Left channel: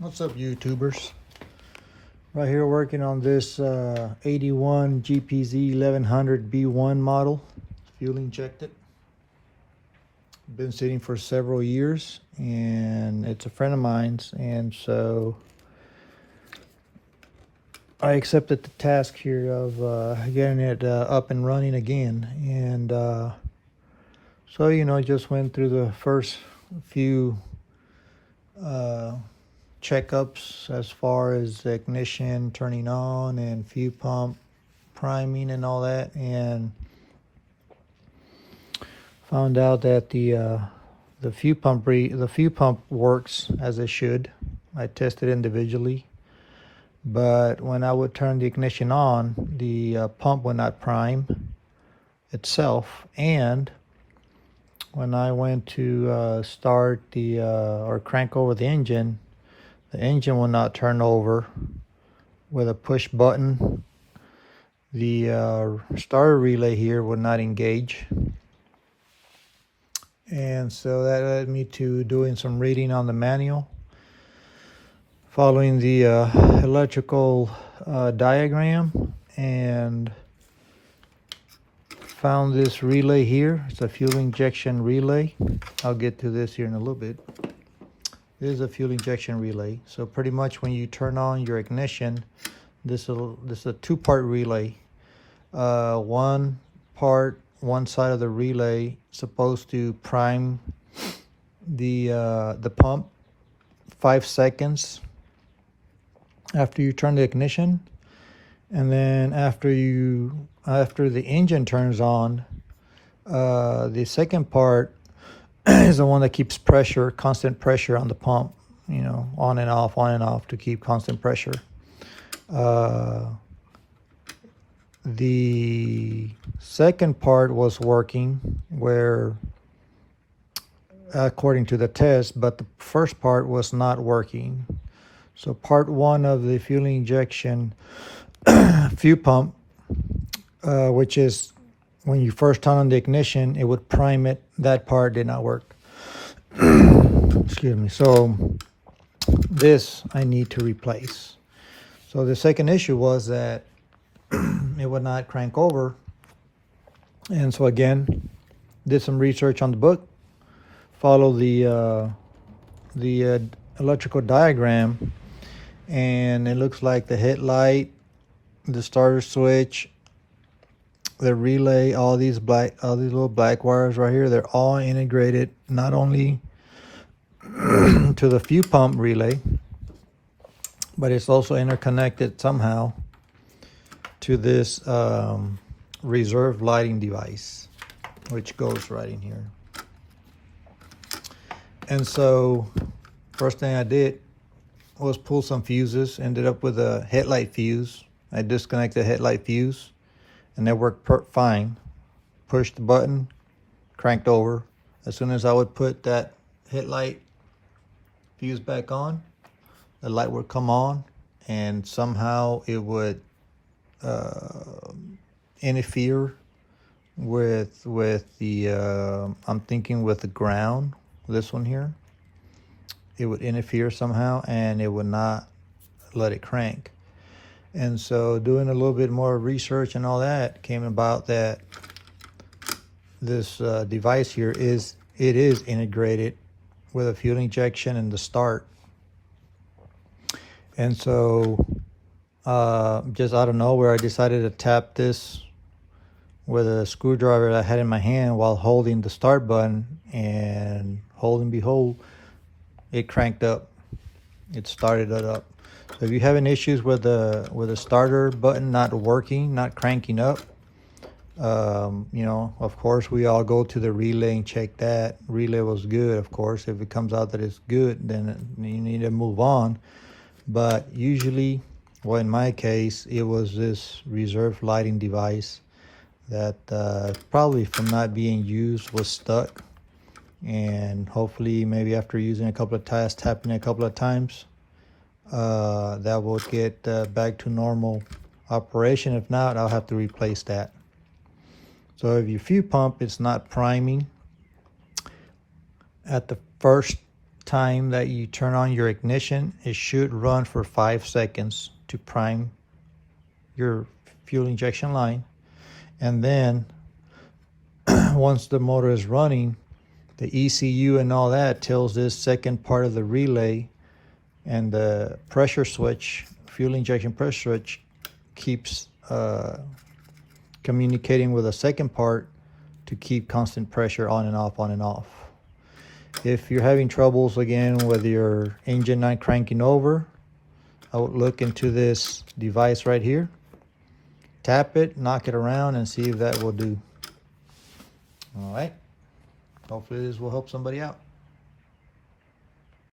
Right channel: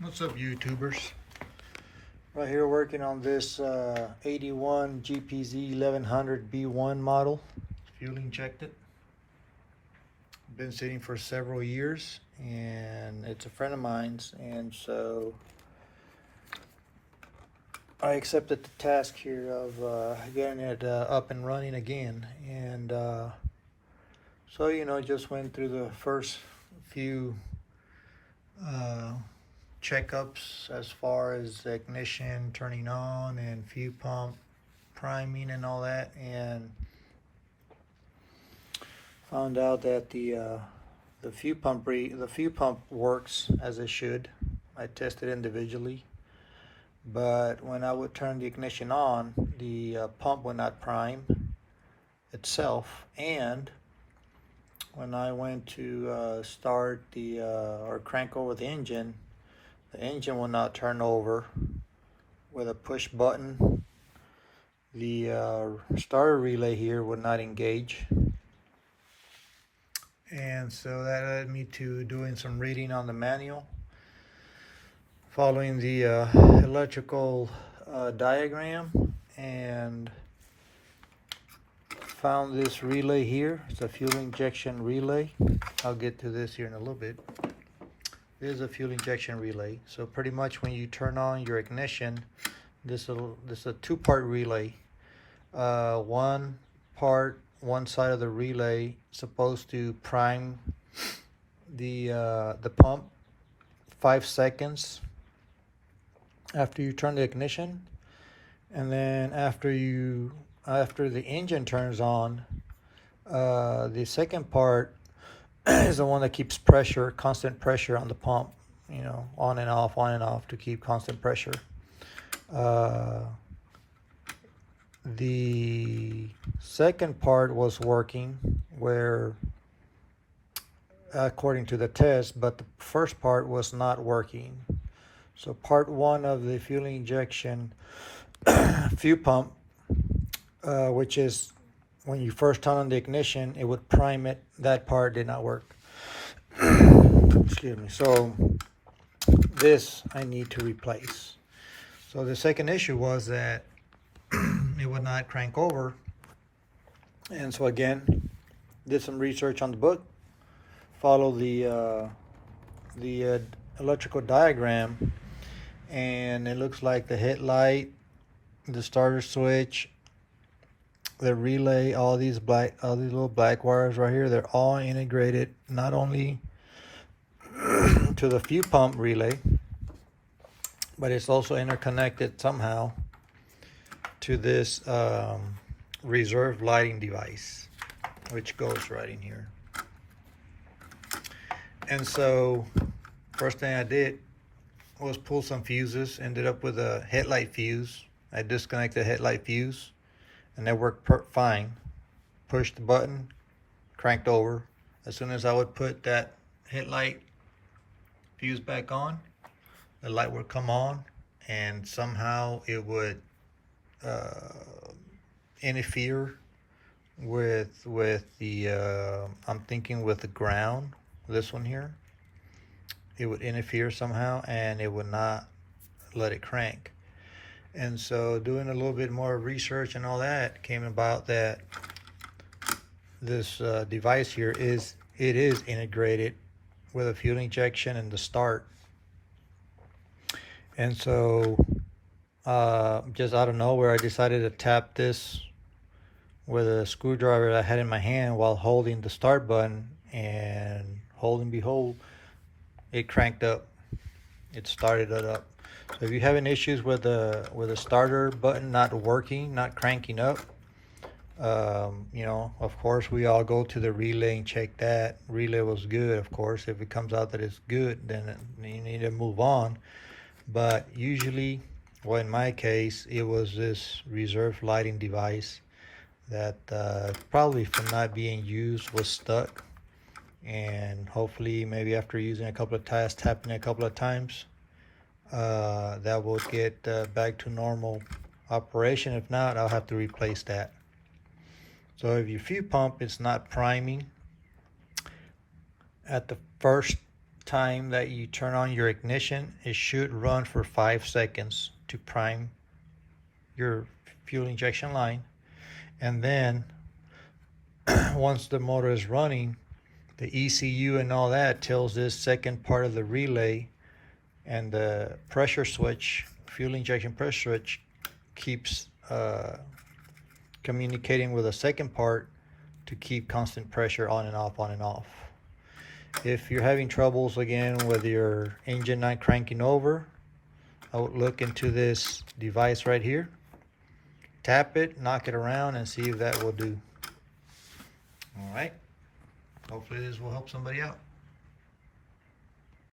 What's up, YouTubers? Right here working on this 81 Gpz1100B1 model, fuel injected. Been sitting for several years, and it's a friend of mine's, and so I accepted the task here of getting it up and running again. And so, you know, just went through the first few checkups as far as the ignition turning on and fuel pump priming and all that, and found out that the fuel pump works as it should. I tested individually, but when I would turn the ignition on, the pump would not prime itself, and when I went to start the or crank over the engine will not turn over with a push button. The starter relay here will not engage, and so that led me to doing some reading on the manual, following the electrical diagram, and found this relay here. It's a fuel injection relay. I'll get to this here in a little bit. This is a fuel injection relay. So pretty much when you turn on your ignition, this is a two-part relay. One side of the relay supposed to prime the pump 5 seconds after you turn the ignition, and then after the engine turns on, the second part is the one that keeps constant pressure on the pump, you know, on and off to keep constant pressure. The second part was working where, according to the test, but the first part was not working. So part one of the fuel injection fuel pump, which is when you first turn on the ignition, it would prime it. That part did not work. Excuse me. So this I need to replace. So the second issue was that it would not crank over. And so again, did some research on the book, follow the electrical diagram, and it looks like the headlight, the starter switch, the relay, all these little black wires right here, they're all integrated not only to the fuel pump relay, but it's also interconnected somehow to this reserve lighting device, which goes right in here. And so first thing I did was pull some fuses, ended up with a headlight fuse. I disconnected the headlight fuse, and that worked fine. Pushed the button, cranked over. As soon as I would put that headlight fuse back on, the light would come on, and somehow it would interfere with the I'm thinking with the ground, this one here. It would interfere somehow, and it would not let it crank. And so doing a little bit more research and all that, came about that this device here is integrated with a fuel injection and the start. And so just out of nowhere, I decided to tap this with a screwdriver that I had in my hand while holding the start button, and behold, it cranked up. It started it up. So if you're having issues with the starter button not working, not cranking up, you know, of course, we all go to the relay and check that. Relay was good, of course. If it comes out that it's good, then you need to move on. But usually, well, in my case, it was this reserve lighting device that probably from not being used was stuck. And hopefully, maybe after using a couple of times, tapping a couple of times, that will get back to normal operation. If not, I'll have to replace that. So if your fuel pump is not priming at the first time that you turn on your ignition, it should run for 5 seconds to prime your fuel injection line. And then once the motor is running, the ECU and all that tells this second part of the relay, and the pressure switch, fuel injection pressure switch, keeps communicating with the second part to keep constant pressure on and off, on and off. If you're having troubles again with your engine not cranking over, I would look into this device right here. Tap it, knock it around, and see if that will do. All right. Hopefully this will help somebody out.